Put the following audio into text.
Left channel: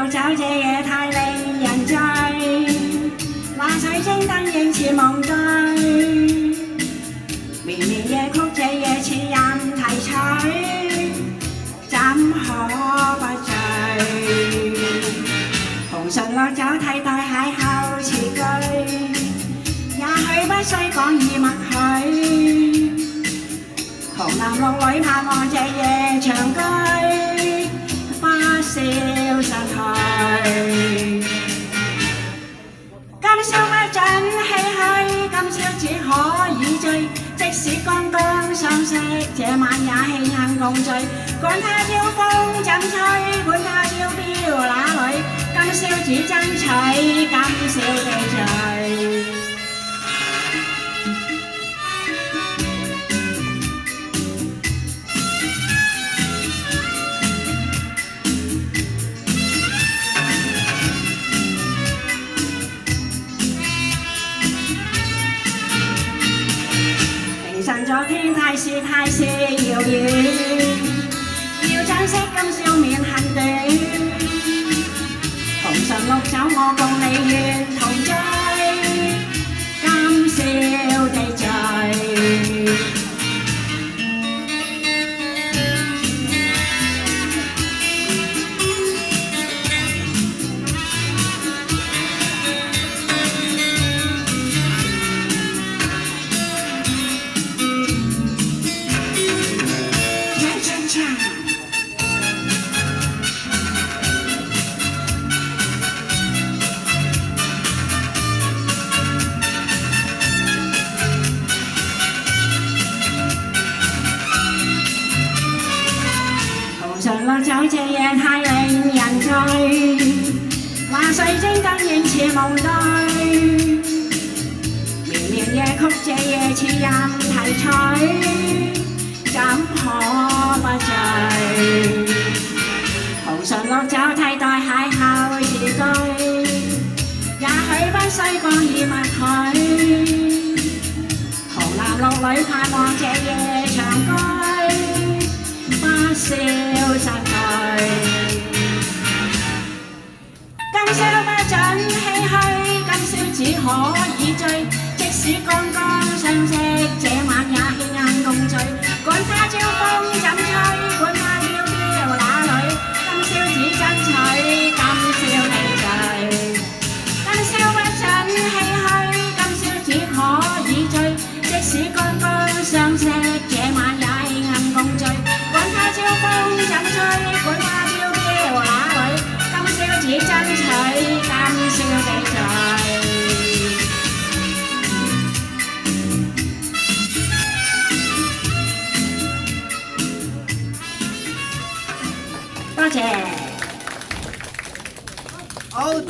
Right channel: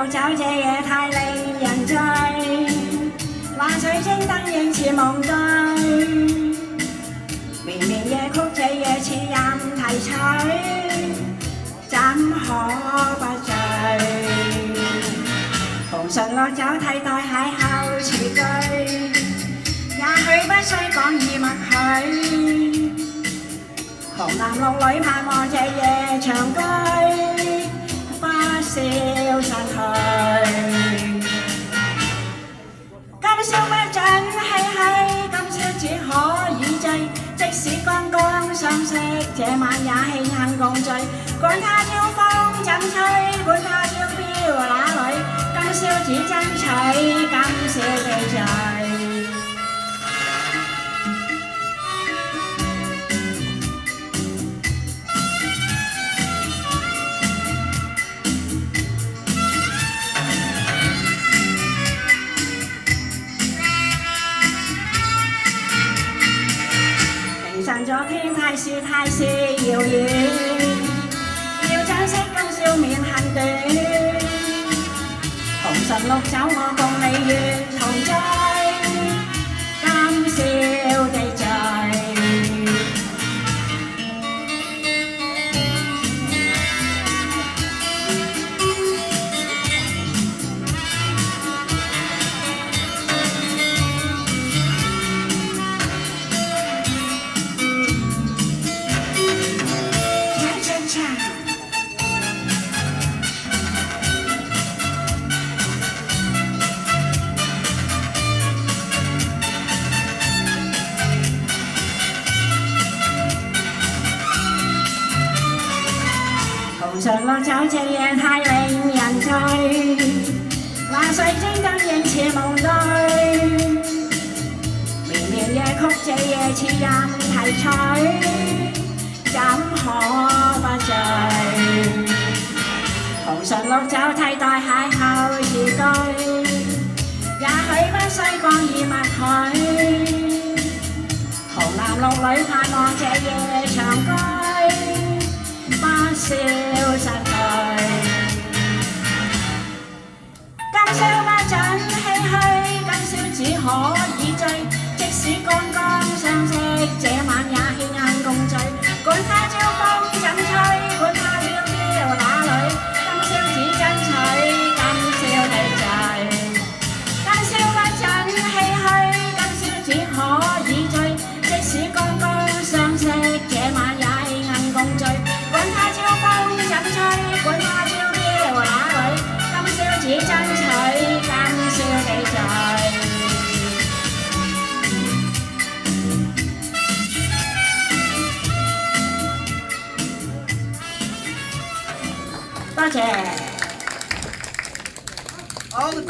綠酒這夜太令人醉，那水晶燈映似夢對，綿綿夜曲這夜似任提取，怎可不醉？紅唇綠酒替代邂逅詞句，也許不需講以默許。紅男綠女盼望這夜長居，不消失去。今宵不准唏噓，今宵只可以醉。即使剛剛相識，這晚也慶幸共聚。管他朝風怎吹，管他飄飄哪裏，今宵只爭取，今宵地醉。昨天太是遙遠，要珍惜今宵免恨短。紅唇綠酒我共你願同醉，今宵地醉。紅唇綠酒這夜太令人醉，那水晶燈映似夢對，綿綿夜曲這夜似任提取，怎可不醉？紅唇綠酒替代邂逅詞句，也許不需講以默許。紅男綠女盼望這夜長居，不消失去。今宵不准唏噓，今宵只可以醉。即使剛剛相識，這晚也慶幸共聚。管他朝風怎吹，管他飄飄哪裏，今宵只爭取，今宵地醉。今宵不准唏噓，今宵只可以醉。即使剛剛相識，這晚也慶幸共聚。管他朝風怎吹，管他飄飄哪裏，今宵只爭取，今宵地醉。多謝。